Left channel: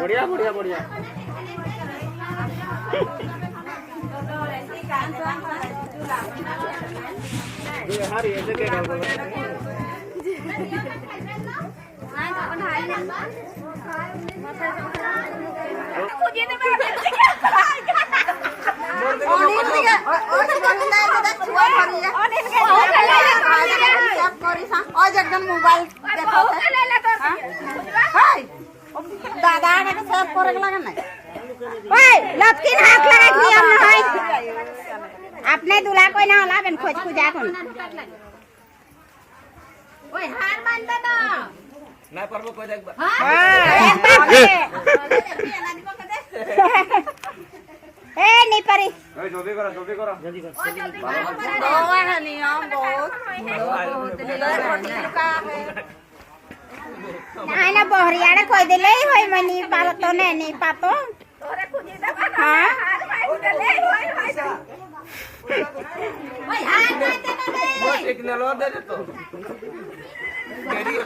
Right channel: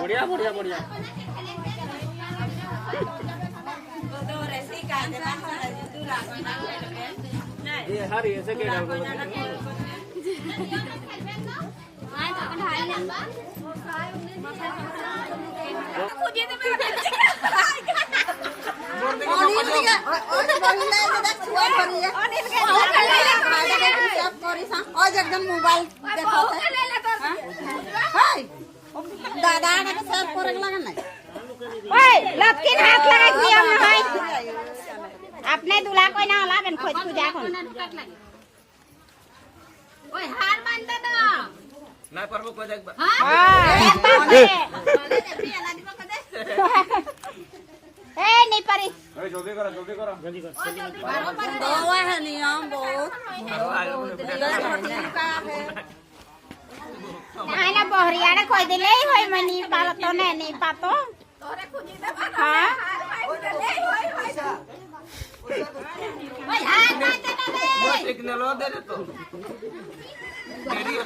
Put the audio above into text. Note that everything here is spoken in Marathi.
बढ़िया बढ़िया बढ़िया हरी ऐसे के डाल एकदम मोबाइल दादा ने सब करे लगा ना ओए लटकिन हाथ लगाई नियम नहीं अपने दूल्हा कोई ना होला बन खोज पूजा कोन ओए हार मान दे ना ना परबो कोई देख ए नहीं परी ए जल्दी करो जल्दी करो जल्दी करो वो है नियम बहुत आई ना बहरिया रे कोई देले होय मनी पाल तो नहीं पातो तोरे खुजी दे हां हार भाई देले होय ओए हार मान दे ना बस एक नलो दे तो रेडी हो